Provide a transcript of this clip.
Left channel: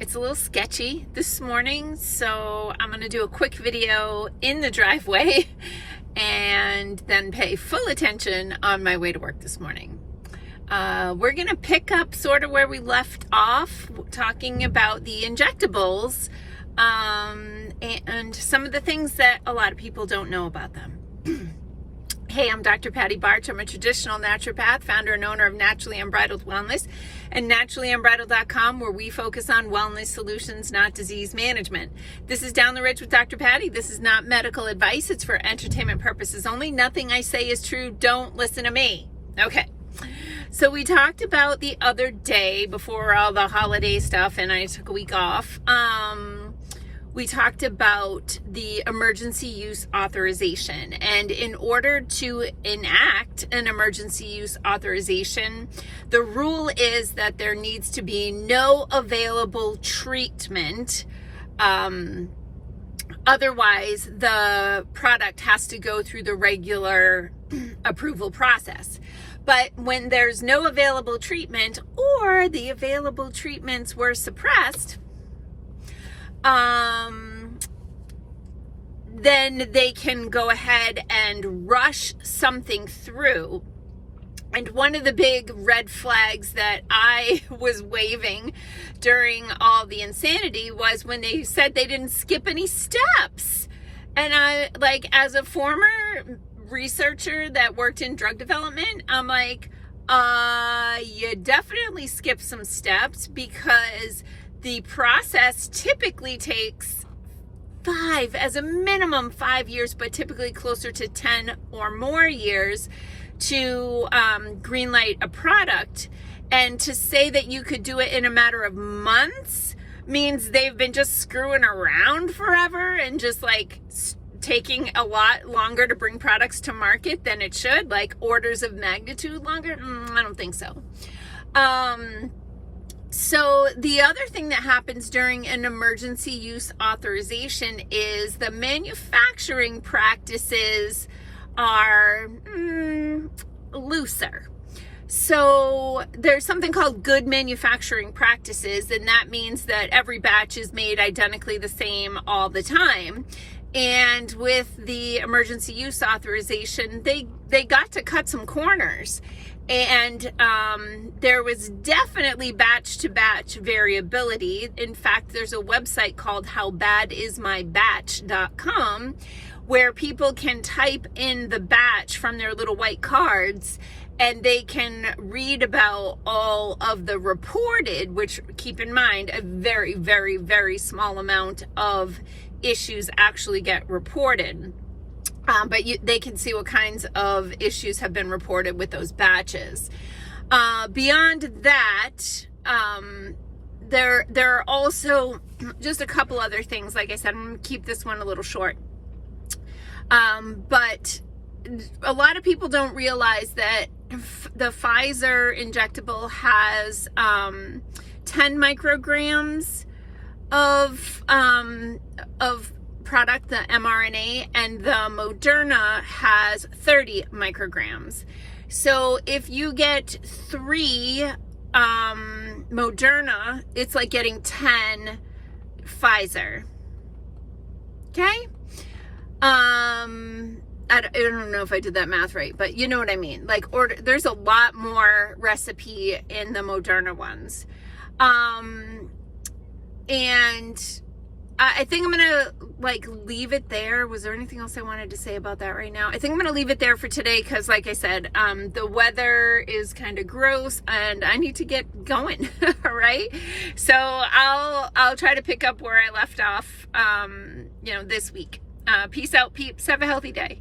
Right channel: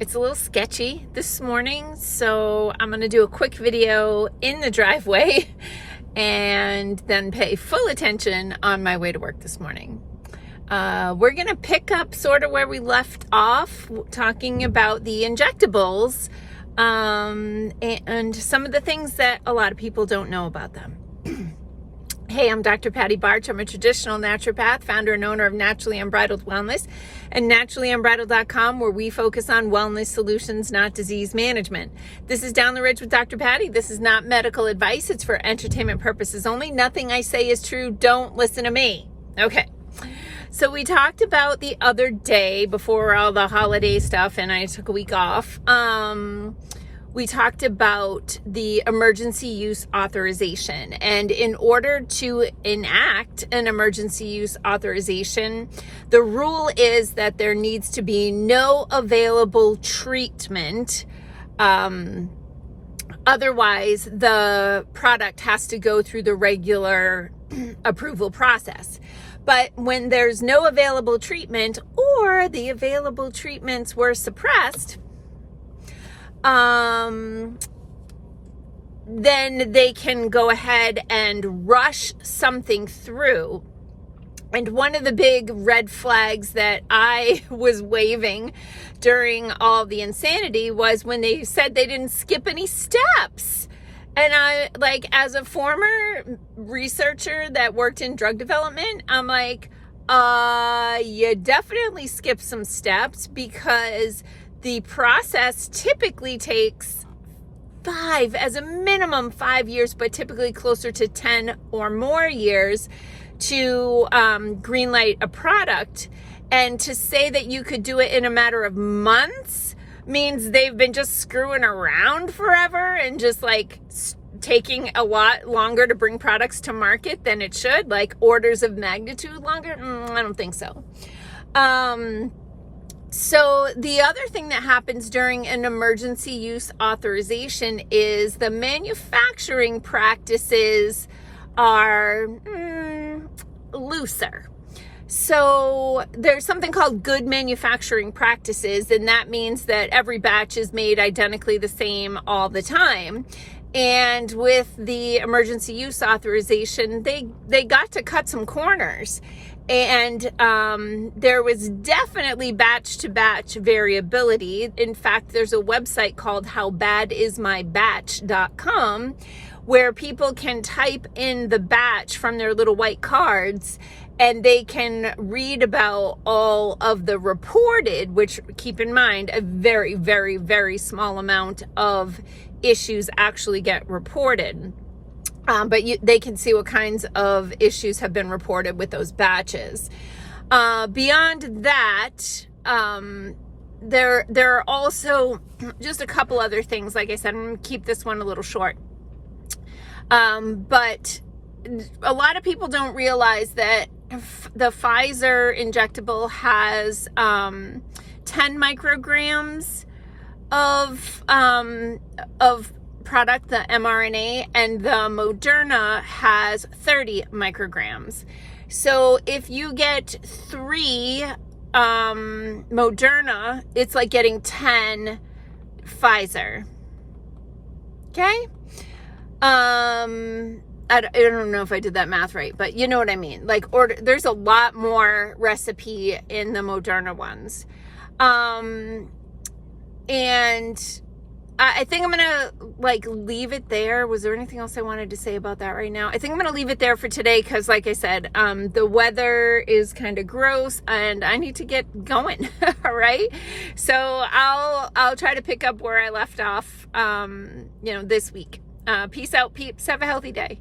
It's a little sketchy this morning, so I'm going to do a quick video in the driveway and then pay full attention on my way to work this morning. We're going to pick up sort of where we left off, talking about the injectables and some of the things that a lot of people don't know about them. Hey, I'm Dr. Patty Barch. I'm a traditional naturopath, founder and owner of Naturally Unbridled Wellness and naturallyunbridled.com, where we focus on wellness solutions, not disease management. This is Down the Ridge with Dr. Patty. This is not medical advice. It's for entertainment purposes only. Nothing I say is true. Don't listen to me. Okay. So we talked about the other day before all the holiday stuff and I took a week off. We talked about the emergency use authorization, and in order to enact an emergency use authorization, the rule is that there needs to be no available treatment. Otherwise, the product has to go through the regular approval process. But when there's no available treatment, or the available treatments were suppressed, then they can go ahead and rush something through. And one of the big red flags that I was waving during all the insanity was when they said they didn't skip any steps. And I, like, as a former researcher that worked in drug development, I'm like, you definitely skip some steps, because the process typically takes 5, as a minimum 5 years, but typically closer to 10 or more years to greenlight a product. And to say that you could do it in a matter of months means they've been just screwing around forever and just like taking a lot longer to bring products to market than it should, like orders of magnitude longer. I don't think so. So the other thing that happens during an emergency use authorization is the manufacturing practices are looser. So there's something called good manufacturing practices, and that means that every batch is made identically the same all the time. And with the emergency use authorization, they got to cut some corners. And there was definitely batch to batch variability. In fact, there's a website called howbadismybatch.com where people can type in the batch from their little white cards, and they can read about all of the reported, which, keep in mind, a very, very, very small amount of issues actually get reported. But they can see what kinds of issues have been reported with those batches. Beyond that, there are also just a couple other things. Like I said, I'm going to keep this one a little short. But a lot of people don't realize that the Pfizer injectable has 10 micrograms of product, the mRNA, and the Moderna has 30 micrograms. So if you get 3 Moderna, it's like getting 10 Pfizer. Okay? I don't know if I did that math right, but you know what I mean. Like, there's a lot more recipe in the Moderna ones. And I think I'm going to leave it there. Was there anything else I wanted to say about that right now? I think I'm going to leave it there for today because, like I said, the weather is kind of gross and I need to get going. All right. So I'll try to pick up where I left off, this week. Peace out, peeps. Have a healthy day.